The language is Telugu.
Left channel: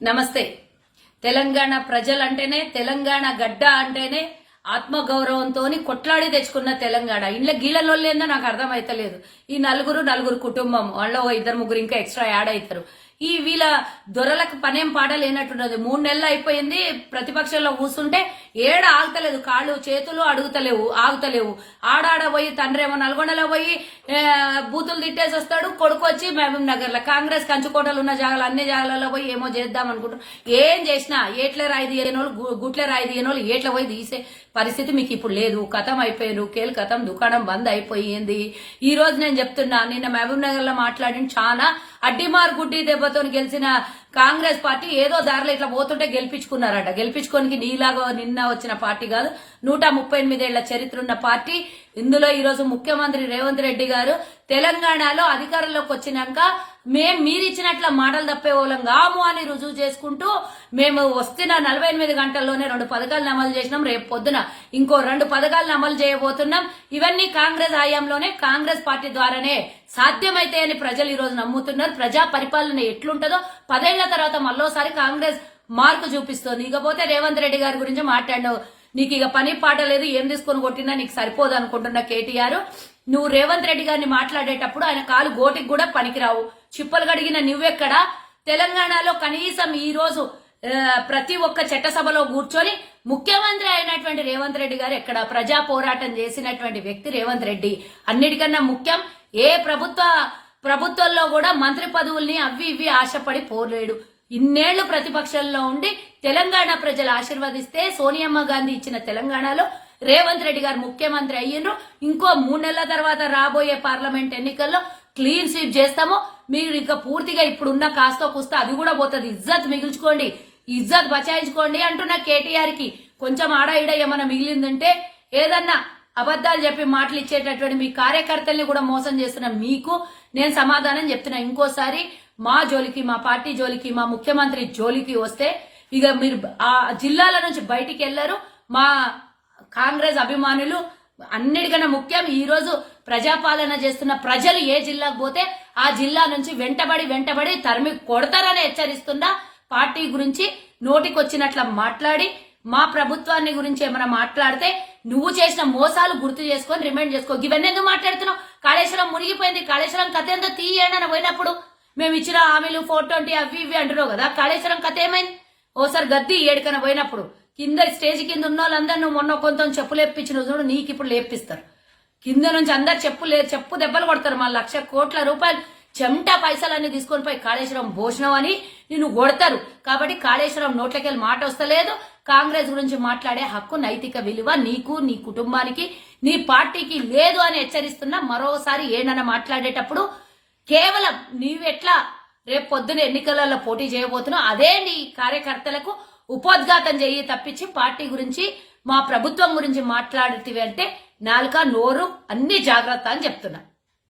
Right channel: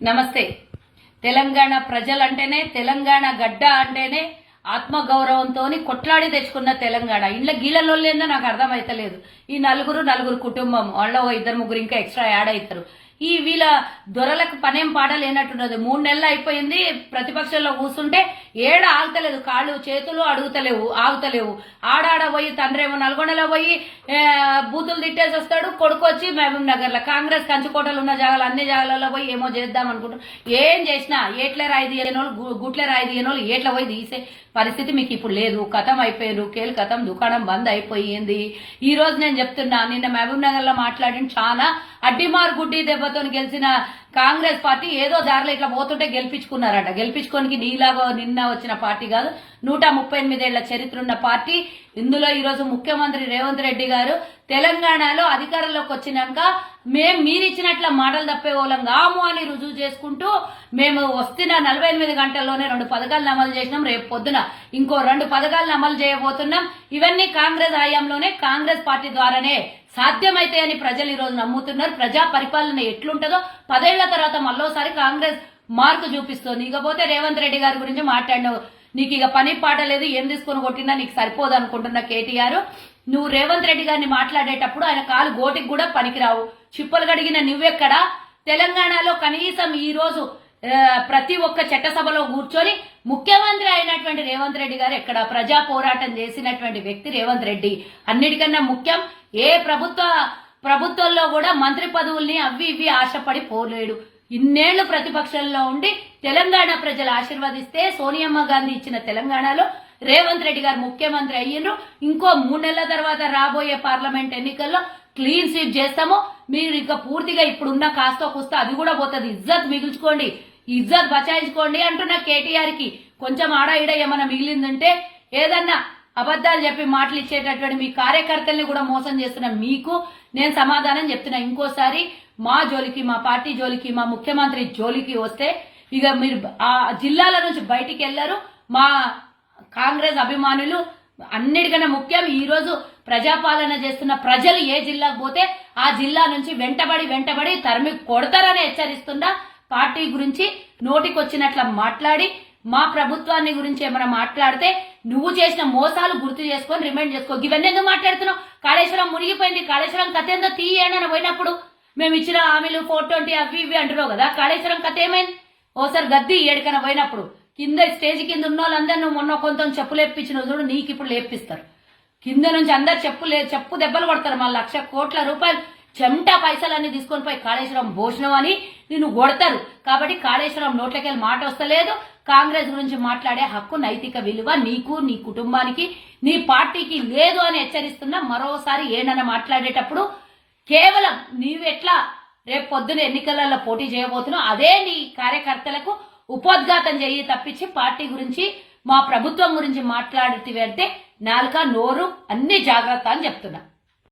నమస్తే. తెలంగాణ ప్రజలంటేనే తెలంగాణ గడ్డ అంటేనే ఆత్మగౌరవంతో కొట్లాడి తెచ్చుకున్న తెలంగాణ. ఇంట్లో గీళ్ళలోళ్ళేందో నాకు అర్థమైతలేదు. ఈ నలుగురు నలుగురు కుటుంబం వాళ్ళ ఇద్దరు ముగ్గురు ఇంకా ఎక్స్ట్రా యాడ్ అవుతారు ఈ వీళ్ళ దొరలకు పనేం పాడలేనట్టున్నది. మూడు నెలలు అయిపోయింది. ప్రతిపక్షంలో కూర్చుంటే ఏడ ఆగుతలేదు. కాళ్ళు చేతులు అడుగుతలేవు ఆగుతలేవు. ఆడాడ పోయి తండ్రేమో నల్గొండలో పోయి బూతులు తిట్టేసి వస్తాడు. కొడుకు వచ్చి మహబూబ్నగర్లో కాంగ్రెస్ కంచుకోటలు ఉన్న జాగాలు అన్ని జాగాలలో పోయి ఏమో చేద్దాం అనుకుంటారు ఏం చేసినా ఏట్లే రాయి తీయనోళ్ళు గుట్లే రాయి తీయనోళ్ళు ఏట్ల పోయి తీసే పరిస్థితి మీకు ఇప్పుడు లేదు. కథం అయిపోయారు కేలు కథం దుకాణం బంద్ అయిపోయింది. ఈ రోజు నేను చెప్తున్నా నిన్న మహబూబ్ నగర్లో మాట్లాడిన చాలా అడ్డిమార్ గుడ్డి దెబ్బతో గెలిచిన కాంగ్రెస్ పార్టీ ఏదో దారిలో ఇట్లా పోతుంటే గెలిపించుకున్నారట. గెలిపించుకోనికి నీలాగా నిన్న వచ్చిన పార్టీ కాదు నూట ముప్పై ఎనిమిదేళ్ళ చరిత్ర ఉన్న పార్టీ. ఇందులో ఈరోజు ముఖ్యమంత్రి రేవంత్ రెడ్డి గారు తెలంగాణలో అధికారంలోకి వచ్చినాక మేము మీరిచ్చినట్ల మాటలు తప్పేవాళ్ళం కాము అని రుజువు చేసుకుంటూ మేము వస్తున్న నలభై ఎనిమిది గంటల్లోనే రెండు పథకాలను అమలు చేసినాం. రేపు పొద్దున ఇంకో రెండు పథకాలను అమలు చేయబోతున్నాం. ఇవన్నీ కాంగ్రెస్ హయాంలోనే కాంగ్రెస్ పార్టీ ద్వారానే సాధ్యమైతే అని ప్రజలు ఈరోజు నమ్ముతున్నారు. ప్రజా పరిపాలన ఎట్లుంటుందో పదేళ్ళ తర్వాత మళ్ళోసారి కాంగ్రెస్ మార్కు చూపిస్తోంది. ఇకపోతే రేవంత్ రెడ్డి గారి గురించి మాట్లాడినావు. నీకు ఇక పని పాట లేదు ఏం తీసుకొని కొట్టినా నీకు సరిపోదు అనుకుంటున్న కేటీఆర్. నువ్వు రేవంత్ రెడ్డి గారిని మాట్లాడేటప్పుడు ఆయన కాలు గోటికి కూడా పనికిరావు. చిప్పలు గడిగిన నువ్వెక్కడా? తెలంగాణలో కనీసం ఈ రోజు ప్రతి ఒక్క చట్టసభలో కూర్చొని ముఖ్యమంత్రి అయినటువంటి రేవంత్ రెడ్డి గారు ఇక్కడ ప్రజా పోరాటం చేసినటువంటి వ్యక్తి రేవంత్ రెడ్డి. అన్నిటికన్నా ముఖ్యం ఏ ప్రభుత్వ ప్రభుత్వంలో కూడా మంత్రి పదవుల్ని అవి ఇవి ఆశపడి పోలేడు. ఇన్నేళ్ళు ప్రతిపక్షంలో ఉండి తెలంగాణ ప్రజలు ఆశీర్వదిస్తే సోనియమ్మ గాంధీ ఇచ్చిన తెలంగాణలో రేవంత్ రెడ్డి గారు ముఖ్యమంత్రి అయ్యిండ్రు. ఇంకో మూడు నెలల తర్వాత రాబోయే పార్లమెంట్ ఎన్నికల్లో క్లీన్ స్వీప్ చేస్తాము. మీరు ఇక పూర్తిగా ఇప్పుడున్న కాస్తో కూస్తే అది కూడా పోతుంది. ఇజ్జత్ మిగుల్చుకోండి. ఇజ్జత్ బచాయించుకోండి అంటున్న కేటీఆర్కి కొంచెం ఆడ ఈడ ఏమైనా మిగిలిందంటే ఏదన్నా అబద్ధాలు చెప్పి మాటలు ఇచ్చేటటువంటి మీ కార్యకర్తల్ని కూడా మోసం చేస్తున్న మీకు నేను సమాధానం చెప్తున్నా. ఇంకోసారి మా జోలికి మా పార్టీ జోలికి మా ముఖ్యమంత్రి జోలికి వస్తే ఇక మీరు ఆ జిల్లాల నుంచి బయటికి వెళ్ళారు మా కాంగ్రెస్ అభిమానులు అన్నిటికన్నా ముఖ్యం ఈ రోజు ప్రజాపాలన చేస్తున్న ప్రజలు ఏ జిల్లాకు పోతే ఆ జిల్లా నుంచి వెంటబడి వెంటబడి తరిమి కొడతారని హెచ్చరిస్తున్నా. పార్టీ గురించి నోటికొచ్చినట్ల మాట్లాడి మా ప్రభుత్వాన్ని గురించి ఏమైనా మాట్లాడితే నువ్వు చేసిన మోసాలు గుర్తు చేసుకొని రిమైండ్ చేసుకో. ఇవన్నీ ఎందుకు మాట్లాడుతున్నావు? కాళేశ్వరం మునిగిపోయింది. కాళేశ్వరం కథ ఎంత తీయనని పోయినప్పుడు మేము ఇచ్చిన హామీలు ఫోర్ ట్వంటీ అవి ఇవి అంటున్నావు కదా. కాళేశ్వరం కథ ఏమైంది? ఓసారి గద్ది ఏడుకన పోయినప్పుడు కింద స్టేజ్ కింద ఉన్న వాళ్ళందరూ నువ్వు మొన్న కొంత చెప్పు లేపించిన చూడు నీకు ఇప్పుడు లేపిస్తారు. కింద నుంచి అందరు చెప్పు లే చెప్పు దెబ్బలు కొడతారు. మన లక్ష కోట్ల రూపాయలు చెమట పైసలన్నీ తీసుకొని పోయి కాళేశ్వరం భోజనం అని నిన్ను కొడతారు. కాబట్టి కాళేశ్వరం నోట్లకెళ్ళి మాట వస్తలేదు. కాంగ్రెస్ గురించి మాట్లాడే హక్కు నైతిక విలువ నీకు నీ కుటుంబానికి నీ పార్టీకి లేదు అని హెచ్చరిస్తున్నా మరోసారి ఏనన్న మాట్లాడేటప్పుడు కేవలం నీవెట్లా రేపు పొద్దున ఎన్నికలలో పోటీ చేయబోతున్నావు అదే నీ కార్యకర్తలకు ఉపోద్ఘాతం చేయి తప్పించి పార్టీ గురించి మా ప్రభుత్వం గురించి మాట్లాడితే అంటే నాలుక నోరు అన్ని జాగ్రత్త అని చెప్తున్నా.